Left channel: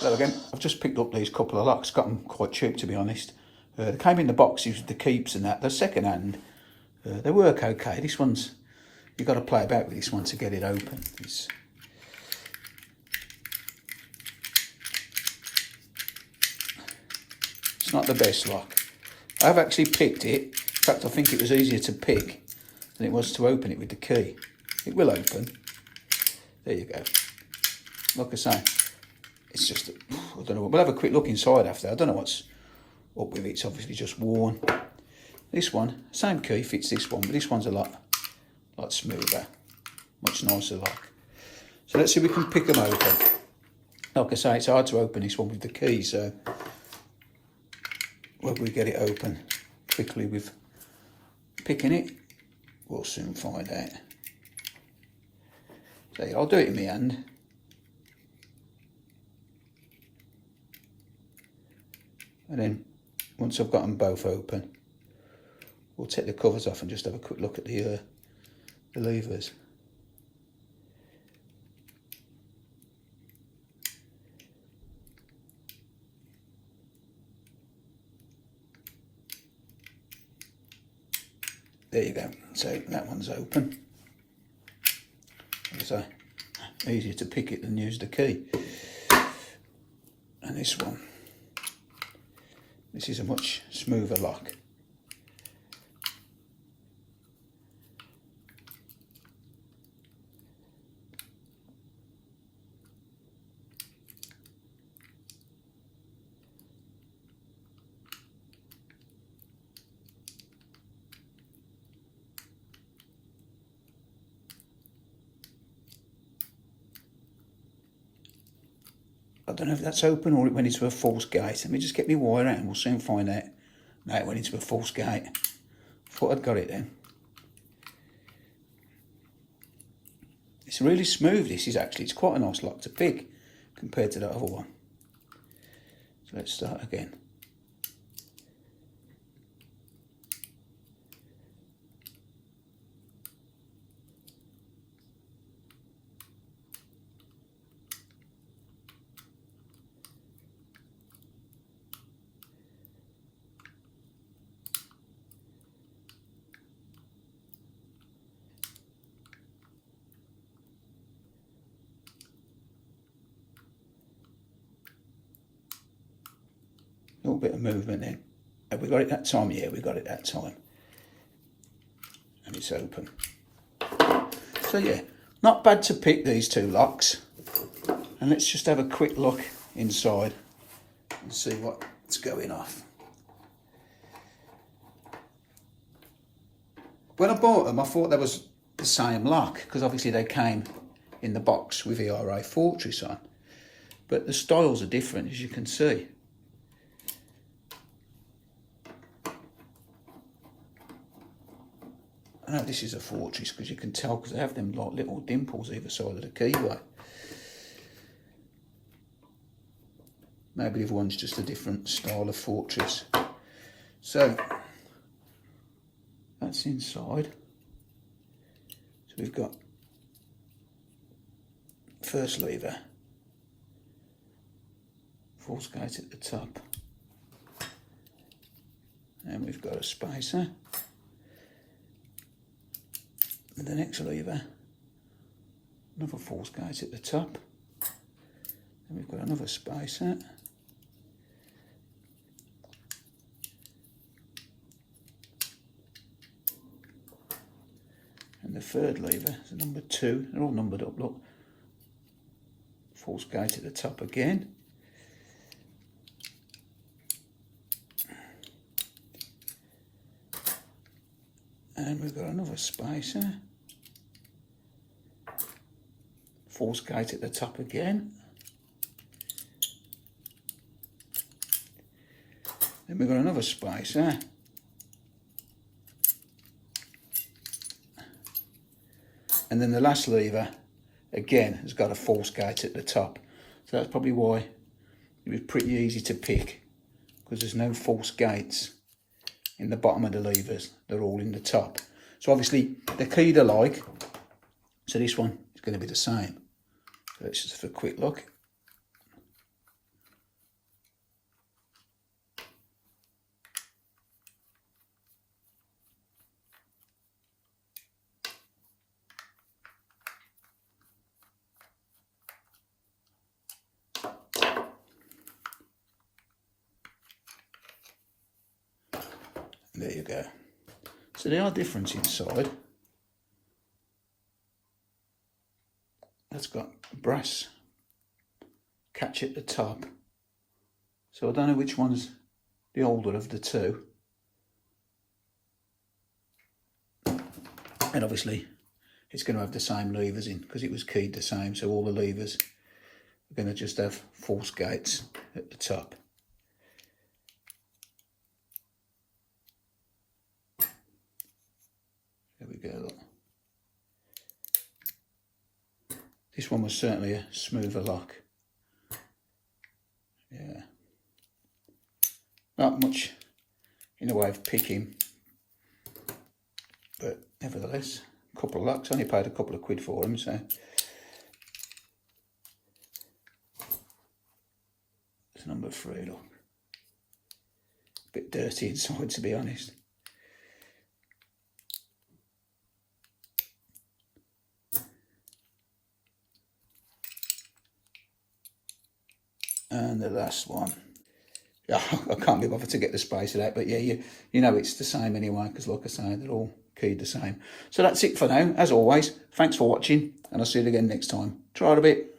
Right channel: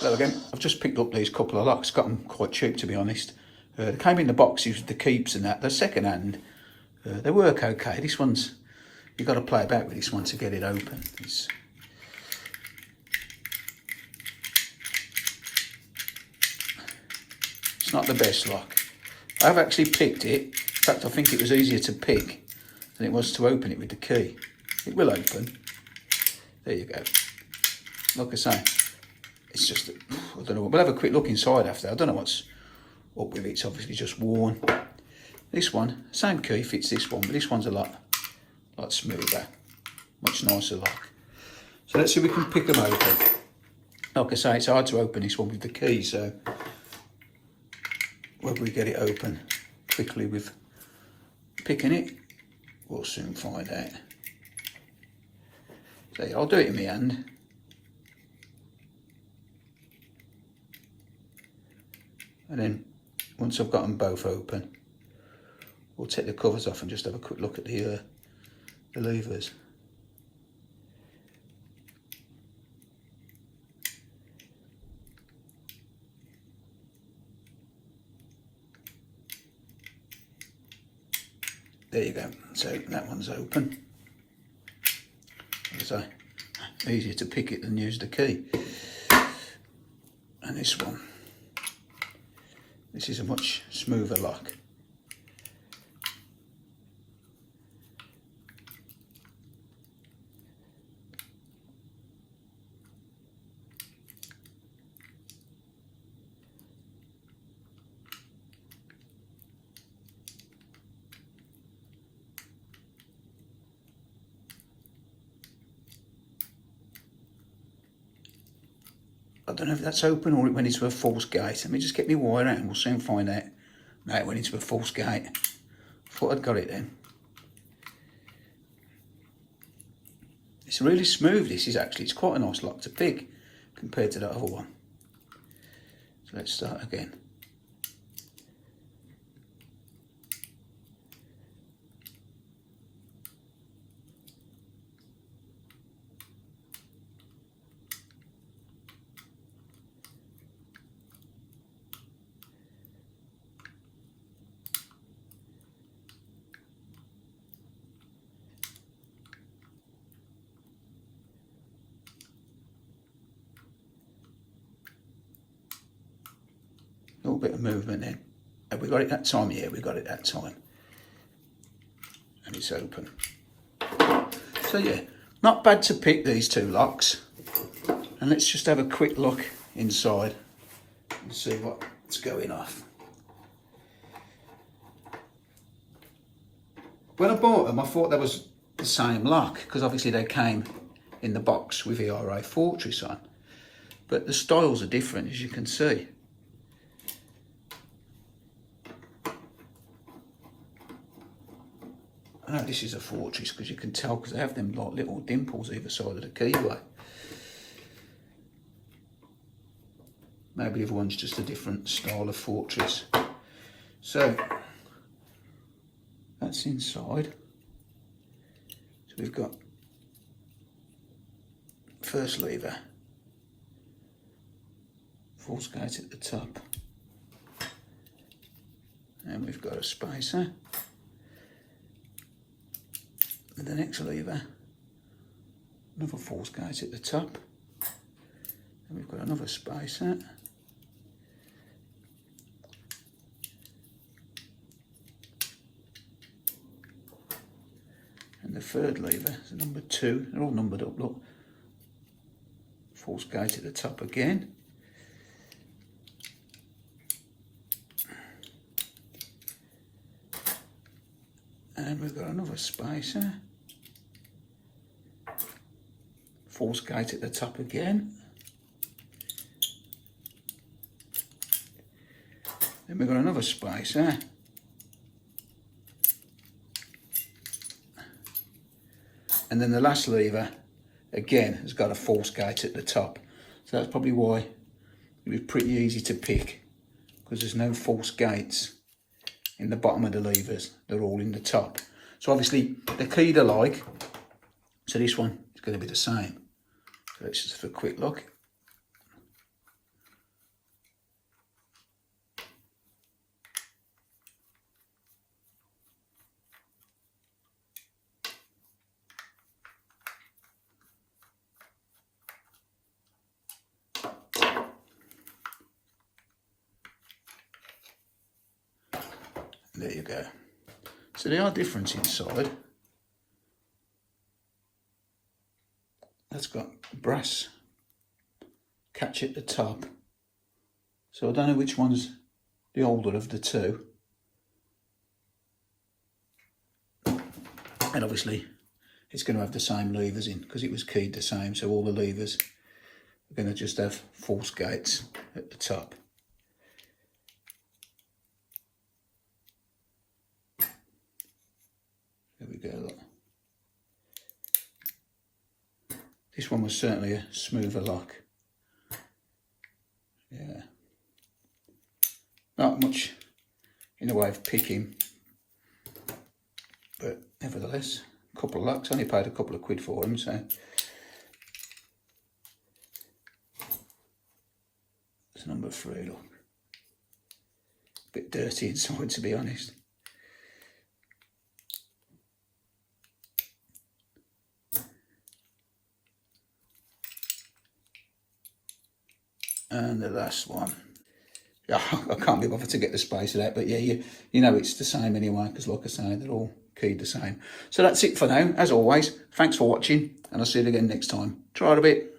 Hello again. I've just picked up these couple of locks, got them quite cheap to be honest. They came in the boxes with the keeps and that. They're second hand. They work okay. This one's, you've got to play about with this one to get it open. It's not the best lock. I've actually picked it. In fact, I think it was easier to pick than it was to open it with the key. It will open. There you go. Like I say, it's just, I don't know, we'll have a quick look inside after. I don't know what's up with it. It's obviously just worn. This one, same key fits this one, but this one's a lot smoother, much nicer lock. So let's see if we can pick them open. Like I say, it's hard to open this one with the key, so whether we get it open quickly with picking it, we'll soon find out. So yeah, I'll do it in my hand. And then once I've got them both open, we'll take the covers off and just have a quick look at the levers. There you go. So that one's open. As I say, easier to pick it than use the key. And this one. This is a much smoother lock. I don't know if that's open or it went into a false gate. Let me just get my wire out and we'll soon find out. No, it went into a false gate. Thought I'd got it then. It's really smooth, this is actually. It's quite a nice lock to pick compared to that other one. So let's start again. A little bit of movement then. Have we got it that time? Yeah, we got it that time. And it's open. So yeah, not bad to pick these two locks. And let's just have a quick look inside and see what's going off. When I bought them, I thought they was the same lock because obviously they came in the box with ERA Fortress on. But the styles are different, as you can see. I know this is a Fortress because you can tell because they have them like little dimples either side of the keyway. Maybe everyone's just a different style of Fortress. So that's inside. So we've got first lever, false gate at the top, and we've got a spacer. And the next lever, another false gate at the top, and we've got another spacer, and the third lever is number 2. They're all numbered up, look. False gate at the top again, and we've got another spacer. False gate at the top again. Then we've got another spacer. And then the last lever, again, has got a false gate at the top. So that's probably why it was pretty easy to pick, because there's no false gates in the bottom of the levers. They're all in the top. So obviously they're keyed alike. So this one is going to be the same. So let's just have a quick look. There you go. So they are different inside. That's got brass catch at the top. So I don't know which one's the older of the two. And obviously it's going to have the same levers in because it was keyed the same. So all the levers are going to just have force gates at the top. There we go, look. This one was certainly a smoother lock. Yeah. Not much in the way of picking, but nevertheless, a couple of locks. Only paid a couple of quid for them, so. It's number 3, look. A bit dirty inside, to be honest. And the last one. Yeah, I can't be bothered to get the space of that, but yeah, you know it's the same anyway, because like I say, they're all keyed the same. So that's it for now. As always, thanks for watching, and I'll see you again next time. Try it a bit.